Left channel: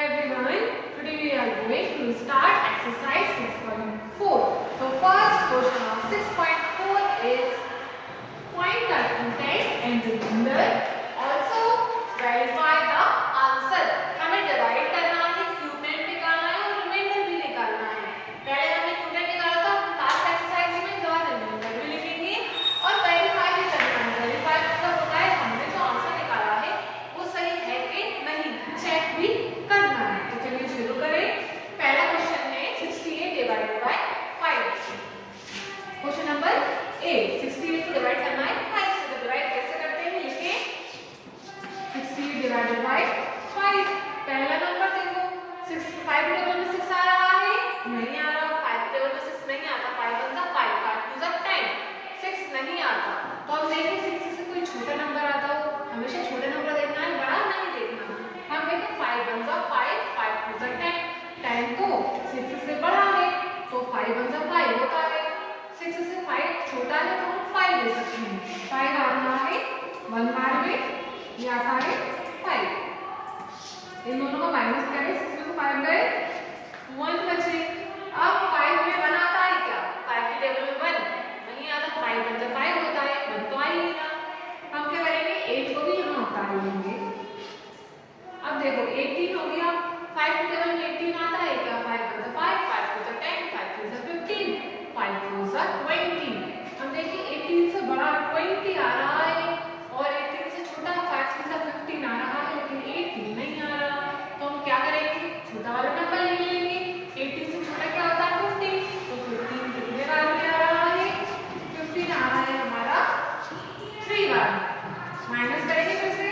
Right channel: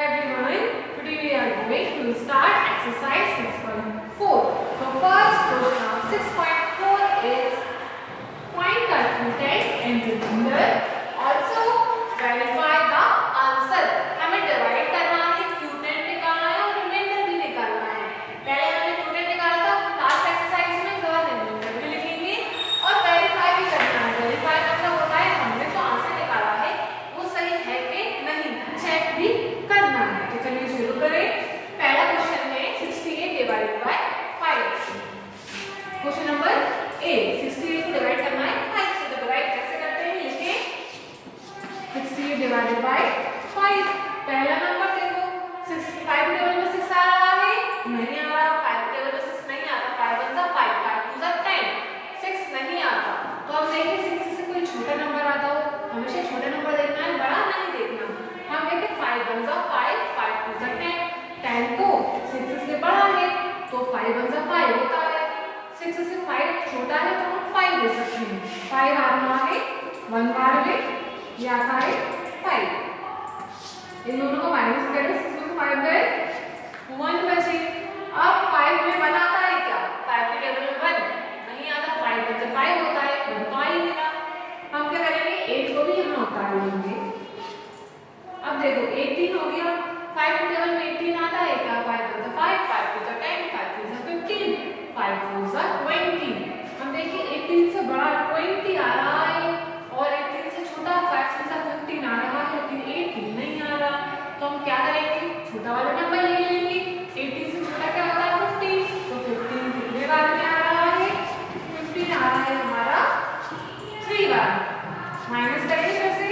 Everyone, today we are going to start exercise 6.4. So first question of 6.4 is find the content and remainder. Also verify the answer. हमें divide करना है, क्यूटेंट निकालना है और reminder भी निकालना है. पहले हमने क्यूटेंट निकाला था, लास्ट एक्सरसाइज में इस बार रिमाइंडर भी लिखेंगे और वेरीफाई भी करना है. वेरीफाई मतलब होता है हमने जो आंसर निकाला है वो सही है कि नहीं, चेक भी करना है. तो चलिए शुरू करें. पहला क्वेश्चन है 68 divided by 5. Question number A, 68 को डिवाइड करना है 5 से. तो डिवाइड कैसे करते हैं, लिखिए 68 डिवाइडेड बाय 5. पहला नंबर देखो 65 टेबल में 6 आ रहा है, नहीं आ रहा. 5 टेबल में 6 नहीं आता. 5 1 जा 5, 5 2 जा 10. 6 नहीं आता. तो हम देखें 6 से कोई छोटा नंबर आता हो. हमेशा छोटा नंबर देखना है, बड़ा नहीं देखना. हम देखें 5 1 जा 5, 5 2 जा 10. 10 तो 6 से बड़ा है तो 5 1 जा 5 होता है. 6 से 5 छोटा है तो हम 5 ले सकते हैं. 5 आ रहा है 1 बार में, ये आता है 5. इन दोनों को माइनस करें, 6 में 5 गए, 1 बचे. अब 5 में 1 आता है क्या? 5 के टेबल में 1 नहीं आता. 5 1 जा 5 होता है, 1 तो आ ही नहीं रहा. हम क्या करेंगे, 8 को भी यहाँ उतार लेंगे. अब देखो 18 हो गया. 5 के टेबल में 18 आता है क्या? 5 1 जा 5, 5 2 जा 10, 5 3 जा 15, 5 4 जा 20. हम देखिए 18 से बड़ा 20 आ रहा है और 18 से छोटा 5 3 जा 15 आ रहा है, लेकिन 18 नहीं आ रहा. तो हम क्या करेंगे, छोटा वाला नंबर ले लेंगे. 18 से छोटा क्या होता है? 15. तो 15 कितने बार में आ रहा है? 15 आ रहा है हमारा 3 बार. माइनस करेंगे फिर से.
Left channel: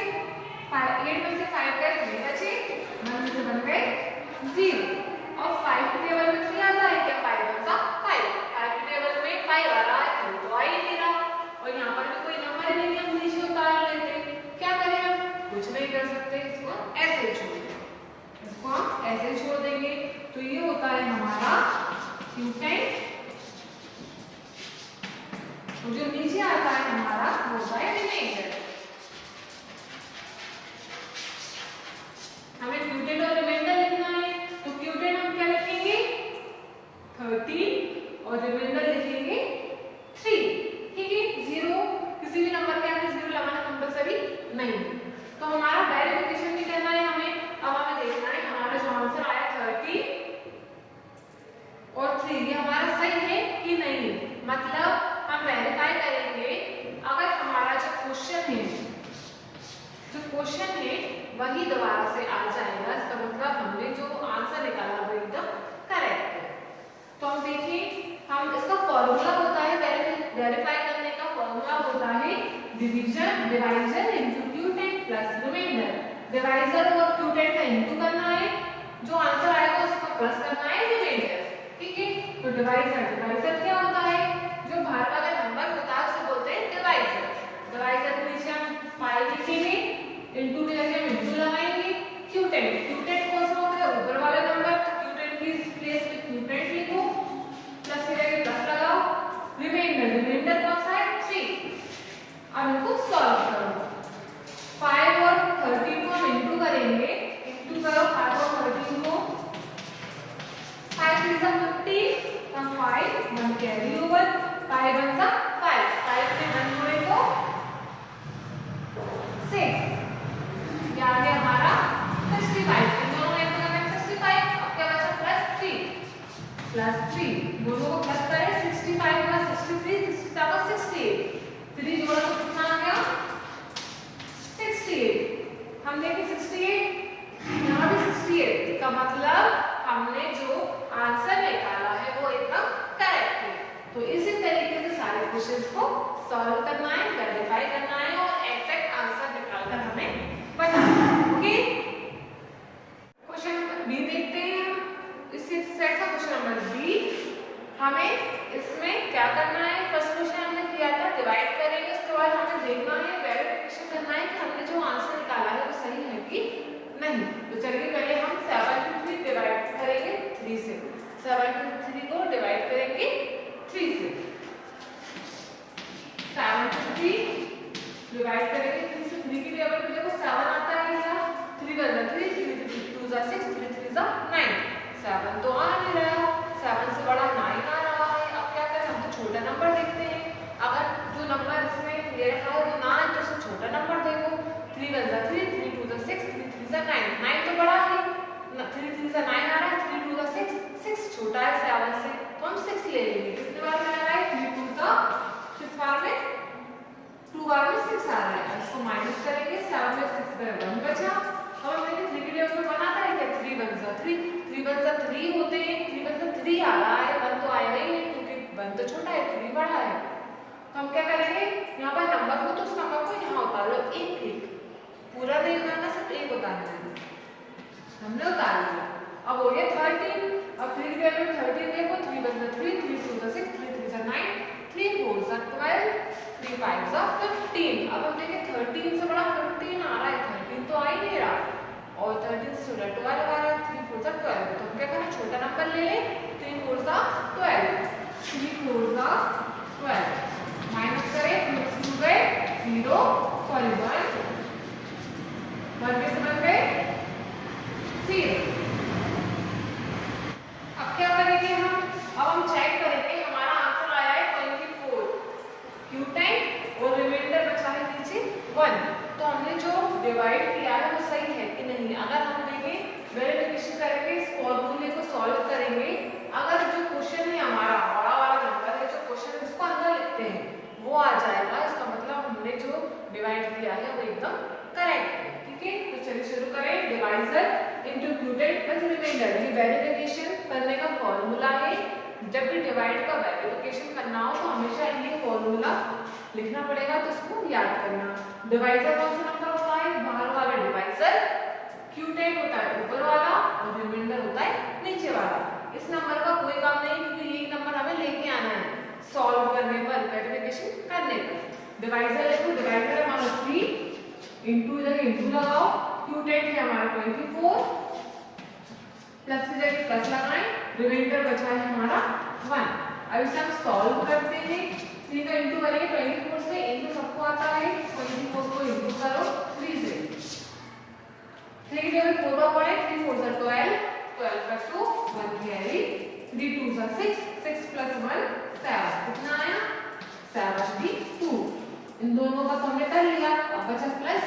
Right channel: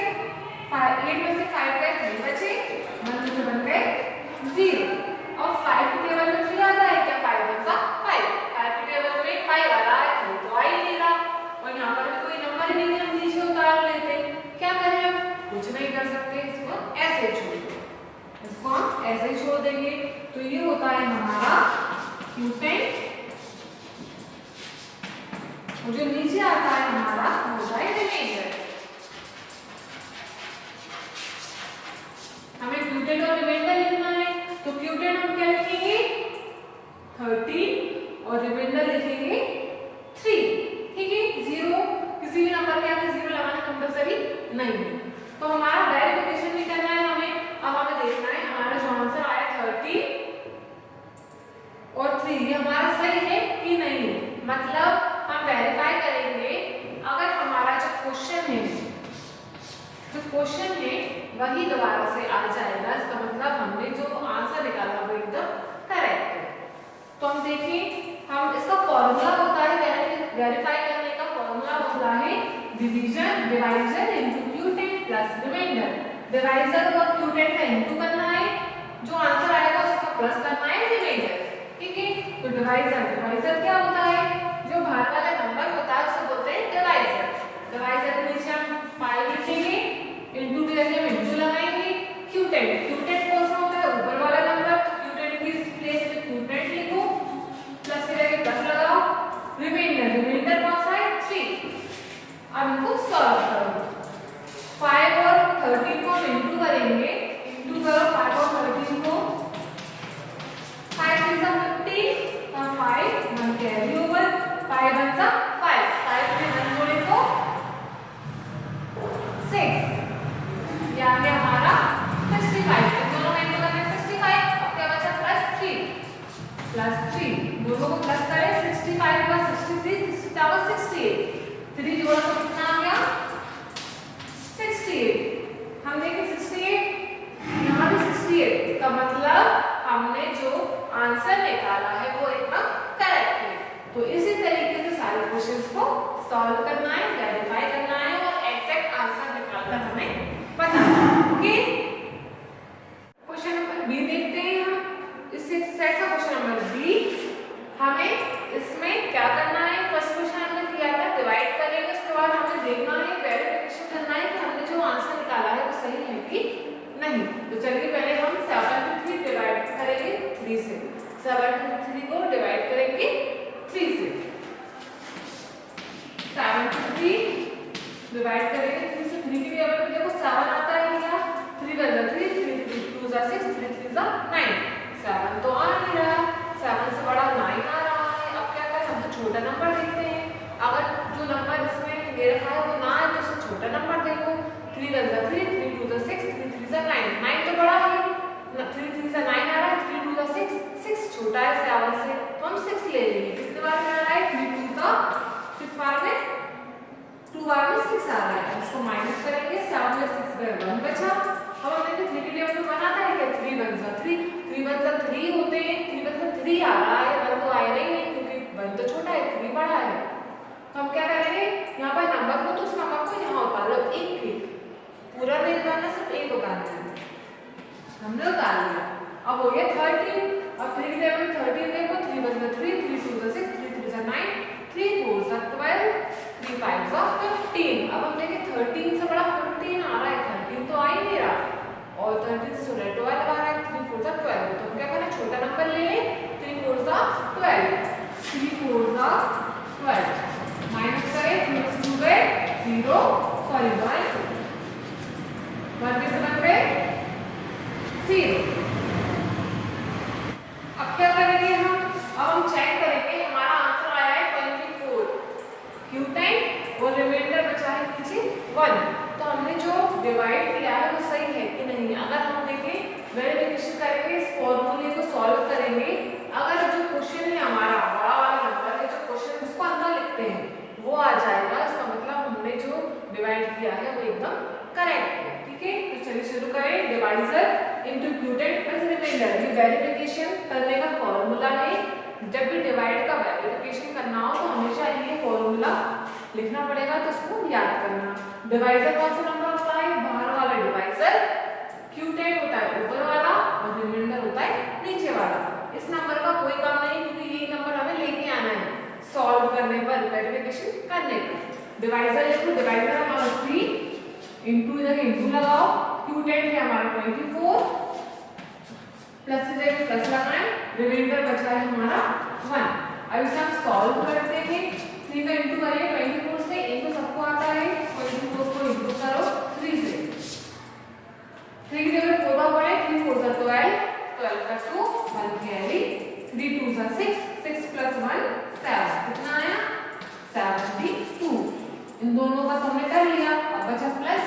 8 में से 5 गए, 3 बचे. 1 में से 1 गए, 0. और 5 के टेबल में 3 आता है क्या? 5 1 जा 5. 5 के टेबल में 5 आ रहा है, तो आ ही नहीं रहा. और यहाँ पर भी कोई नंबर नहीं है, हम नीचे उतार लेते. क्या करें हम? कुछ नहीं कर सकते, इसको ऐसे छोड़ देंगे. इसको हम ऐसे छोड़ देंगे. तो ये होता है हमारा क्यूटेंट. और जो नीचे आता है हमारा वो होता है रिमाइंडर. हमें क्यूटेंट और रिमाइंडर लिखना है. तो क्यूटेंट हम क्या लिखेंगे? 13 और रिमाइंडर लिखेंगे 3. ठीक है. 0 किसी भी नंबर के आगे 0 लगाना कंपलसरी नहीं है. तो हमारा वेरिफिकेशन भी करना है हमें. अब हमें देखना है हमारा जो आंसर आया 30 और 3 ये हमारा सही है कि नहीं है. मतलब हम वेरीफाई करेंगे अगर हमारा जो क्वेश्चन है वही दोबारा से आ जाएगा, इसका मतलब हमने जो आंसर निकाला वो एकदम करेक्ट है. तो हम देखें, हम इसका फॉर्मूला होता है वेरीफाई करने का. फॉर्मूला होता है divisor into quotient plus remainder. Divisor और क्यूटेंट का इनटू करना है, जो आंसर आएगा उसका प्लस करना है रिमाइंडर. ठीक है. तो डिवाइजर क्या होता है? जो बाहर वाला नंबर होता है उसे बोलते हैं डिवाइजर. डिवाइजर के नीचे हम पाई लिखेंगे, इनटू की जगह इनटू लगाएंगे. क्यूटेंट कौन सा होता है? ऊपर वाला नंबर. क्यूटेंट की प्लेस में क्यूटेंट लिखो, प्लस की जगह प्लस लगाओ. रिमाइंडर कौन सा है? 3. अब इनको सॉल्व करो. 5 और 13 को हम इनटू करेंगे. इनटू करो 5 और 13 को. 5 3 जा 15, 5 1 कैरी ओवर. 5 1 जा 5, 5 में 1 जोड़े तो 6. ये आ गया हमारा 65. दोनों में इनटू करने में 65. अब क्या बचा? प्लस 3. दोनों को प्लस करें. 65 के बाद 63, 67 68. 3 जोड़ा तो कितना आ गया? 68. हम देखें 68, यहाँ भी 68. इसका मतलब हमने जो आंसर निकाला है वो एकदम करेक्ट है. तो इसी तरीके से सारे क्वेश्चंस को सॉल्व करना है, वेरीफाई करना है और एग्जैक्ट आंसर निकालकर हमें बताना है. ओके. क्वेश्चन नंबर बी देखते हैं हम. इस एक्सरसाइज का क्वेश्चन नंबर बी. हमें इसमें क्या करना है? फर्स्ट क्वेश्चन हमने किया था, डिवाइड करेंगे. उसके बाद हमें देखना है, वेरिफिकेशन करना है कि हमने जो आंसर निकाला है वो सही है कि नहीं. तो चलिए पहले हम 73 डिवाइड करेंगे 3 से. 73 को डिवाइड करेंगे 3 से. 73 डिवाइड करेंगे 3 से. 3 की टेबल में देखो 7 आता है. 3 बदल 3 2 6 3 9, 9 तो बड़ा है, 3 3 से 9 आ रहा है, 3 2 का 6, 6 छोटा है 7 से, तो हम 6 ले लेंगे। कितने बार में आ रहा है, 3 2 का 6 बार में, 2 बार में 6 आ रहा है, इसको माइनस करेंगे, 7 में 6 गए 1 बचा। अब हम देखिए 3 के टेबल में बनाता है क्या, 3 1 जा 3, 3 1 जा 3 होते हैं, 3 1 जा 3 आ रहा है, 1 तो आएगा ही नहीं क्योंकि 1 तो छोटा है, 3 बड़ा है। तो हम क्या करेंगे, यहाँ पर नंबर को तो उस नंबर को यहाँ उतार लो, एक एक पूरा नहीं उतारना, सिर्फ एक उतारना है, हमने उतार लिया। अब हो गया 13, अब 3 के टेबल में 13 देखो, 3 1 जा 3, 3 2 जा 6, 3 3 जा 9, 3 4 जा 12, 3 5 जा 15। अब हम देखें 13 से बड़ा 15 आ रहा है, 13 तो आ ही नहीं रहा, और 13 से छोटा 12 आ रहा है, 3 4 जा 12। तो हम क्या करें, छोटा नंबर ले लें, 3 4 जा 12, 3 4 जा 12, माइनस करें, 3 से 2 गए 0, सॉरी 1, 1 कैसे बन गए 0। अब क्या करेंगे हम, अब हम चेक करेंगे, हमारा आंसर आया है 24, क्यू टाइम और रिमाइंडर बचा है नीचे 1। तो हमने जो डिवाइड किया है वो सही है कि नहीं। अगर हम देखें वेरिफिकेशन करेंगे, इस फॉर्मूले को सॉल्व करेंगे, अगर जो क्वेश्चन है हमारा बड़ा वाला नंबर है, जो क्वेश्चन उसको अंदर लिखते हैं वो आ जाएगा, इसका मतलब हमने जो डिवाइड किया है वो एकदम करेक्ट है। ठीक है, तो चलिए शुरू करें। डिवाइजर इनटू क्यूटेड प्लस रिमाइंडर, ये वेरिफिकेशन करने का फॉर्मूला है। जब भी डिवाइड का वेरिफिकेशन करना हो तो हमेशा ये फॉर्मूला लिखना पड़ेगा, तो इसको याद करना। डिवाइजर कौन सा नंबर होता है, बाहर वाला डिवाइजर, क्यूटेड होता है ऊपर वाला, और रिमाइंडर होता है नीचे वाला। इस नंबर का कोई काम नहीं क्योंकि ये नंबर हमें लेके आना है सॉल्व करने पर, वेरिफिकेशन करने पर। डिवाइजर लिखो, डिवाइजर हमारा 3 इंटू, इधर इंटू लगाओ, क्यूटेड है हमारा 24, प्लस की जगह प्लस लगाएं, रिमाइंडर बचा है हमारा 1। अब इसे हम सॉल्व करते हैं, 3 का इंटू करें 24 से, इंटू सबको आता है, 24 को इंटू करो 3 से, 3 की जगह 4 बार पड़े, 3 4 जा 12, 12 का 2 1 कैरी, 3 2 जा 6, 6 प्लस 1 7, कितना आया 72। इन दोनों का तो हमने कर लिया, अब बचा प्लस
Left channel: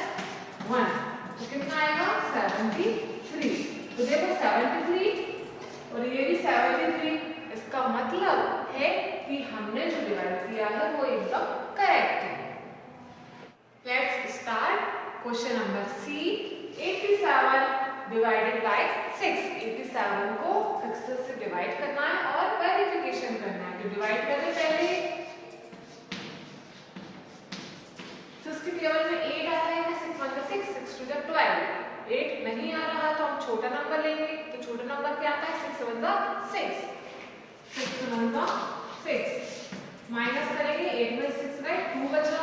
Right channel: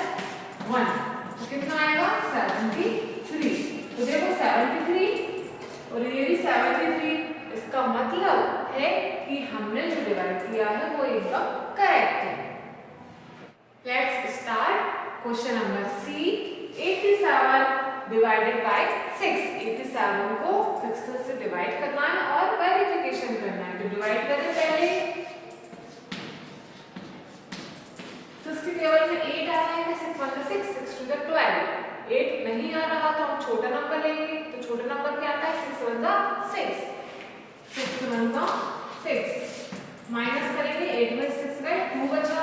1, तो कितना आएगा 73। तो देखो 73 और ये भी 73, इसका मतलब है कि हमने जो डिवाइड किया है वो एकदम करेक्ट है। Let's start question number C. 87 divided by 6, 87 को 6 से डिवाइड करना है और वेरिफिकेशन करना है। तो डिवाइड करें पहले, 6 के टेबल में 8 आ रहा है, 6 1 6, 6 2 12, 8 नहीं आ रहा तो हम छोटा नंबर लेंगे। तो छोटा नंबर क्या आता है, 6 1 6, 6 1 6, माइनस करेंगे, 8 में 6 गए 2 बचा।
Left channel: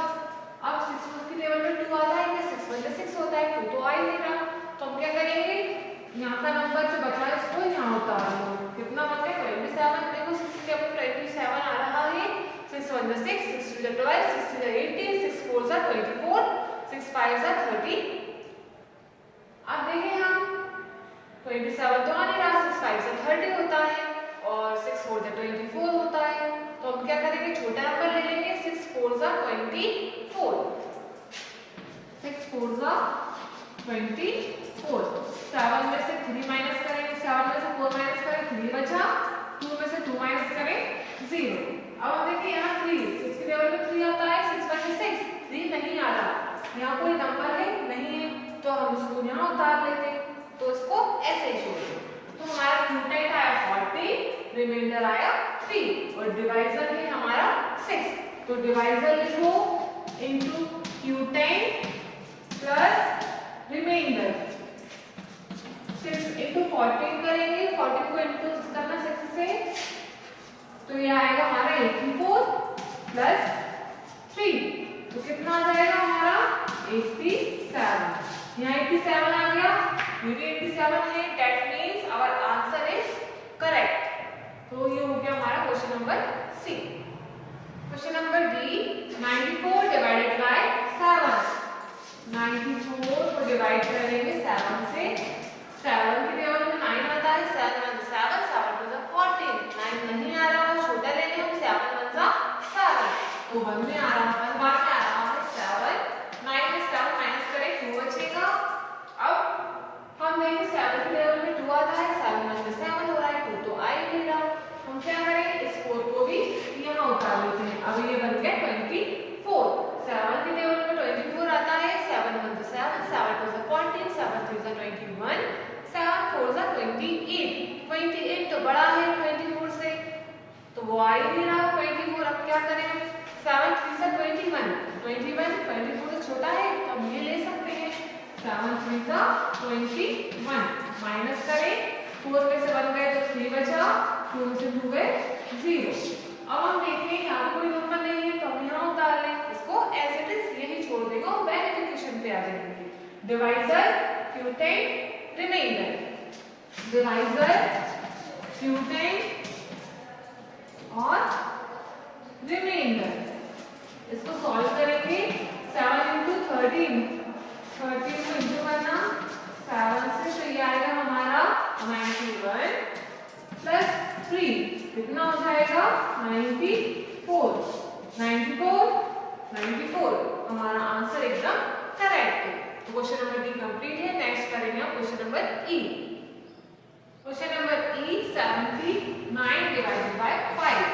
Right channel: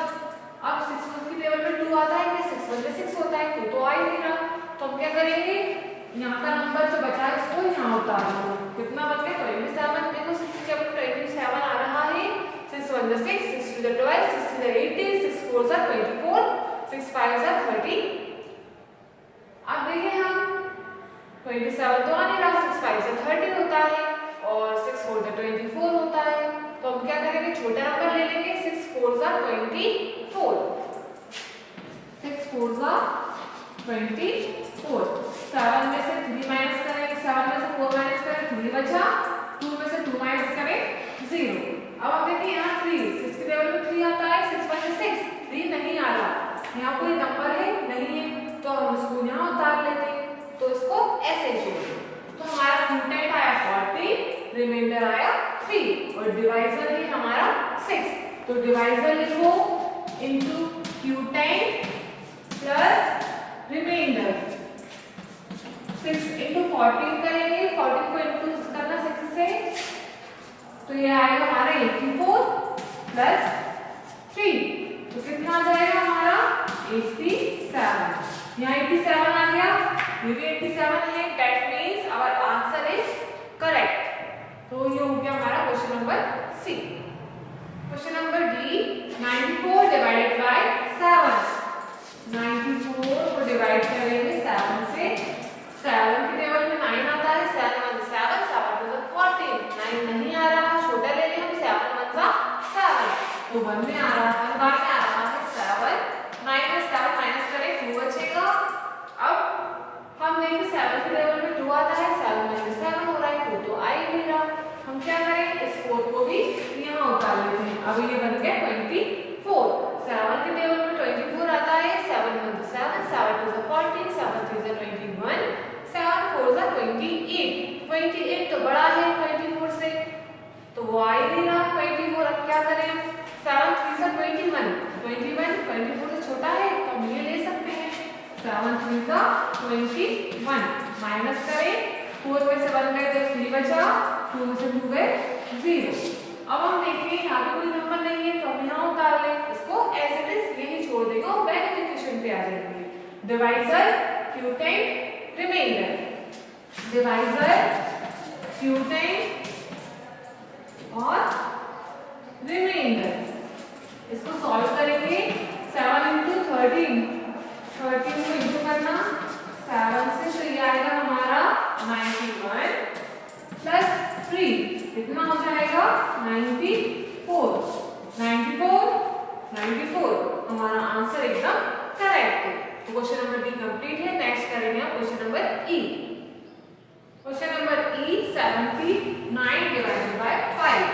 अब 6 1 के टेबल में 2 आता है क्या, 6 1 6 होता है, 2 तो आ ही नहीं रहा, तो हम क्या करेंगे, यहाँ का नंबर जो बचा है इसको यहाँ उतार दो। कितना बच गया 27। देखो 6 के टेबल में 27 आ रहा है, 6 1 6, 6 2 12, 6 3 18, 6 4 24, 6 5 30। अब देखिए हम 27 तो आ नहीं रहा, 6 5 से 30 होता है और 6 4 से 24 होता है। तो हम क्या करेंगे, छोटा नंबर ले लेंगे, 6 4 जा 24, 6 4 जा 24, 7 में से 3 माइनस करें, 7 में से 4 माइनस करें 3 बचा, 2 में से 2 माइनस करें 0। अब हम देखिए यहाँ 3, 6 के टेबल में 3 आता है, 6 1 6, 3 नहीं आ रहा, यहाँ कोई नंबर है नहीं है, तो हम इसको यहाँ उतार लेते, तो इसको ऐसे ही छोड़ दो। तो हमारा क्यूटेड आया 40, रिमाइंडर आया 3 और डिवाइजर है हमारा 6। तो डिवाइजर लिखो इनटू क्यूटेड प्लस रिमाइंडर, 6 इंटू 14 करेंगे, 14 को इंटू करना 6 से, तो ये आएगा हमारा 84 प्लस 3, तो कितना आ जाएगा हमारा 87। यहाँ 87 आ गया, ये भी 87 है, that means our answer is correct. तो ये हो गया हमारा question number C. Question number D, 94 divided by 7, 94 को डिवाइड करेंगे 7 से, 7 के टेबल में 9 आता है, 7 1 7, 7 2 14, 9 नहीं आ रहा, छोटा ले लें हम, 7 1 7, तो 1 में आ रहा है, बार में आ रहा है 7, 9 में 7 माइनस करें 2 बचेगा। अब इस 4 को भी यहाँ उतार लेते हैं। अब ये बन गया 24। 7 के टेबल में 24 आता है। 7 1 to 7, 7 2 14, 7 3 21, 7 4 28। 28 तो बड़ा है 24 से, तो वो आ ही नहीं रहा 24। अब क्या करें? 7 3 21, 21 24 से छोटा है तो हम ये ले सकते हैं। 7 3 21 माइनस करें, 4 में से 1 गए तो 3 बचा, 2 में से 2 गए 0। अब हम देखें यहाँ पे कोई नंबर नहीं है तो हम यहाँ उतार लें, इसको एज इट इज यही छोड़ देगा और बैक इक्वेशन पे आ जाएंगे। Divisor, quotient, remainder. Divisor, quotient और रिमाइंडर। इसको सॉल्व करेंगे। 7 into 13, 13 को इंटू करना 7 से, तो ये आएगा हमारा 91 प्लस 3 कितना हो जाएगा 94। 94 हमारा आंसर एकदम करेक्ट है। तो क्वेश्चन नंबर बी कंप्लीट है। नेक्स्ट करेंगे हम question number E. Question number E 79 divided by 5।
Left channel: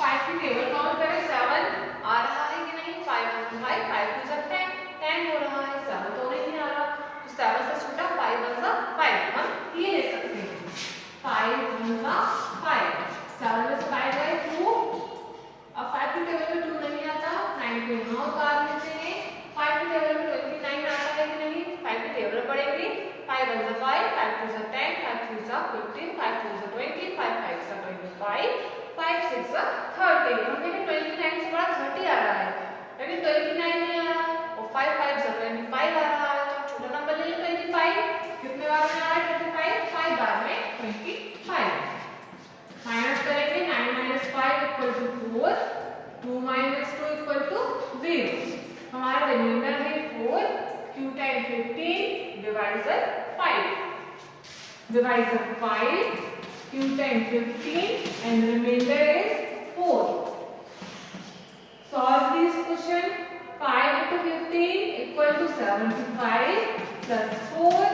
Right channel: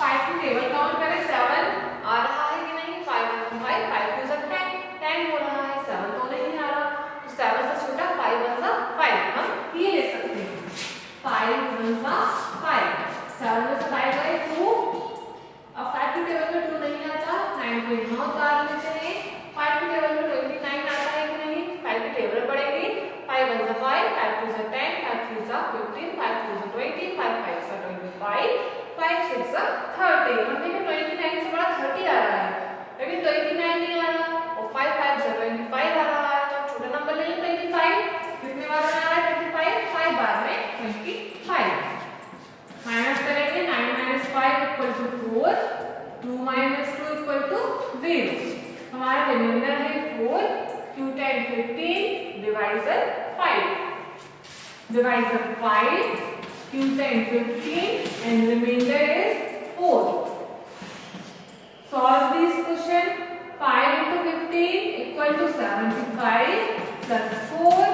5 की टेबल काउंट करें। 7 आ रहा है कि नहीं? 5 1 5, 5 2 10, 10 हो रहा है। 7 तो नहीं आ रहा, तो 7 से छोटा 5 1 5, हम ये ले सकते हैं। 5 1 5, 7 में से 5 गए 2। अब 5 की टेबल में 2 नहीं आता, 9 को यहाँ उतार लेते हैं। 5 की टेबल में 29 आता है कि नहीं? 5 की टेबल पढ़ेंगे। 5 1 5, 5 2 10, 5 3 15, 5 2 20, 5 5 25, 5 6 30। हम देखें 29 से बड़ा 30 आ रहा है, लेकिन 29 नहीं आ रहा, और 5 5 25 आ रहा है। तो छोटा नंबर ले लें 25। कितने बार में आ रहा है 25? 5 बार में 25। माइनस करेंगे। 9 - 5 = 4, 2 - 2 = 0। हमारा रिमाइंडर है 4, क्यूटेंट 15, divisor 5। Divisor 5, क्यूटेंट 15 and remainder is 4. Solve this question. 5 into 15 equal to 75 plus 4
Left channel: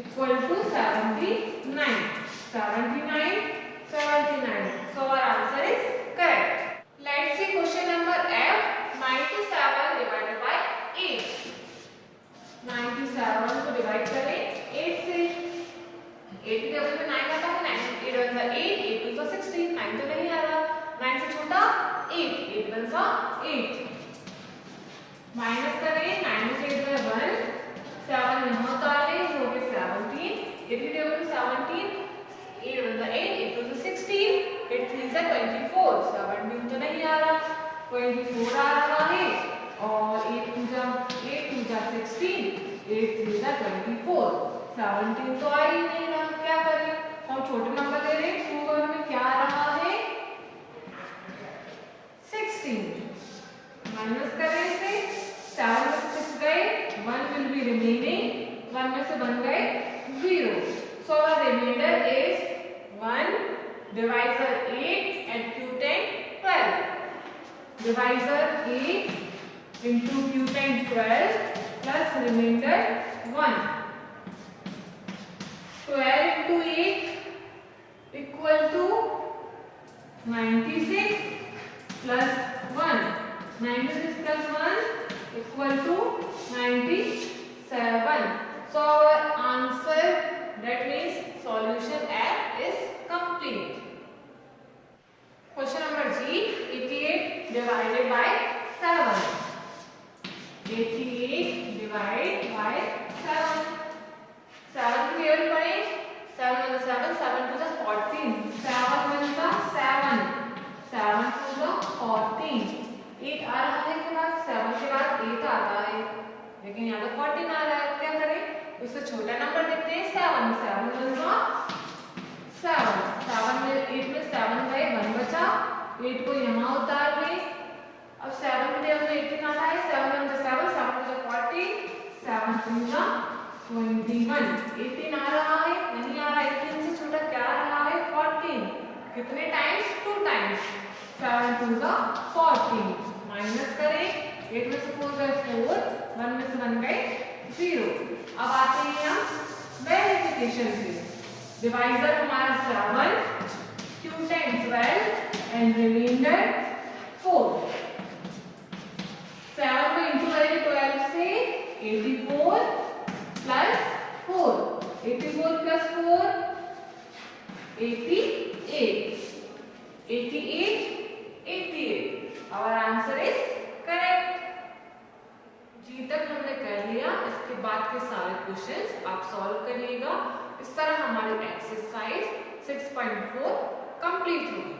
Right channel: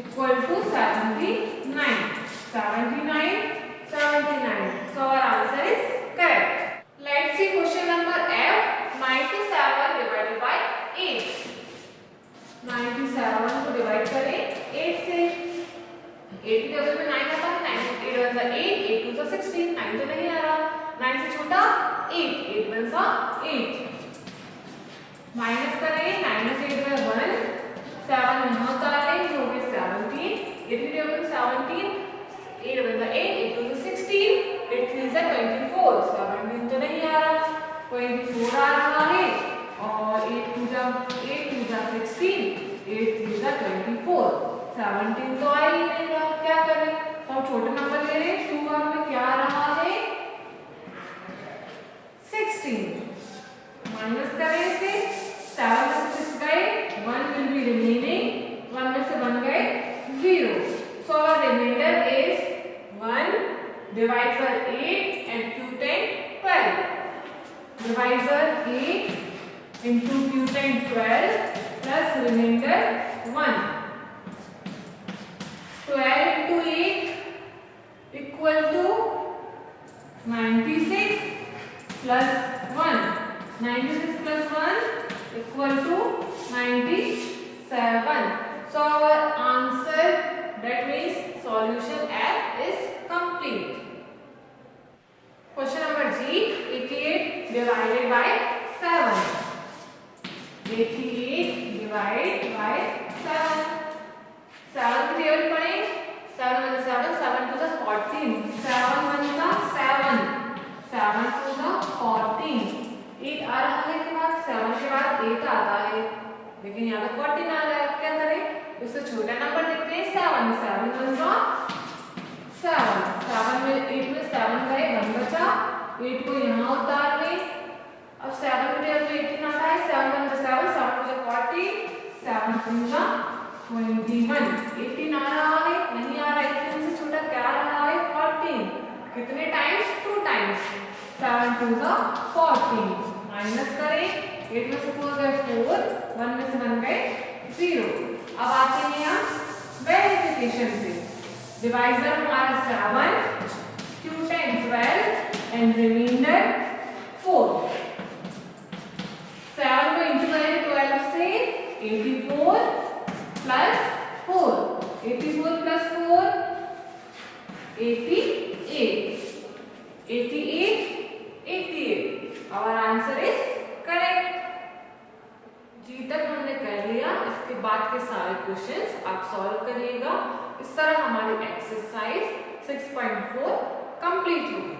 equal to 79. 79, 79. So our answer is correct. Let's see question number F. 97 divided by 8. 97 को डिवाइड करें 8 से। 8 की टेबल में 9 आता है। 9 8 1 8, 8 2 16, 9 तो नहीं आ रहा, 9 से छोटा 8, 8 1 8। माइनस करें। 9 में से 8 गए 1, 7 यहाँ उतार लें, हो गए 17। 8 की टेबल में 17, 8 1 8, 8 2 16, 8 3 24, 17 तो नहीं आ रहा, 24 आ रहा है, और 8 2 16, 8 3 24, 17 तो आ ही नहीं रहा। क्या करें? हम छोटे नंबर ले रहे हैं। 2 1 में क्या आ रहा है 16। माइनस करें इसे। 7 में से 6 गए, 1 will be remaining, 1 में से 1 गए 0। So our remainder is 1, divisor 8 and quotient 12. Divisor 8 into quotient 12 plus remainder 1. 12 into 8 equal to 96 plus 1. 96 plus 1 equal to 97. So our answer, that means solution F, is complete. Question number G. 88 divided by 7. 88 divided by 7. 7 की table पढ़ें। 7 1 7, 7 2 14, 7 1 7, 7 2 14। 8 आ रहा है के बाद 7 के बाद 8 आता है, लेकिन यहाँ पे 14 आ रहा है। क्या करें? इससे छोटा नंबर देखते हैं। 7 7 1 7, 7 में 8 में 7 गए, 1 बचा, 8 को यहाँ उतार लें। अब 7 के टेबल में 18 आता है। 7 1 7, 7 2 14, 7 3 21। 18 आ रहा है? नहीं आ रहा। 18 से छोटा क्या आ रहा है 14। कितने टाइम्स? 2 टाइम्स। 7 2 14। माइनस करें। 8 में से 4 गए 4, 1 में से 1 गए 0। अब आते हैं हम वेरिफिकेशन से। डिवाइजर हमारा 7, क्यू 10 12 एंड रिमाइंडर 4। 7 को इंटू करें 12 से 84 plus 4, 84 plus 4 88, 88। Our answer is correct। जी तक हमने कर लिया। इसके बाद के सारे क्वेश्चंस आप सॉल्व करिएगा। इस तरह हमारी एक्सरसाइज 6.4 कंप्लीट होगी।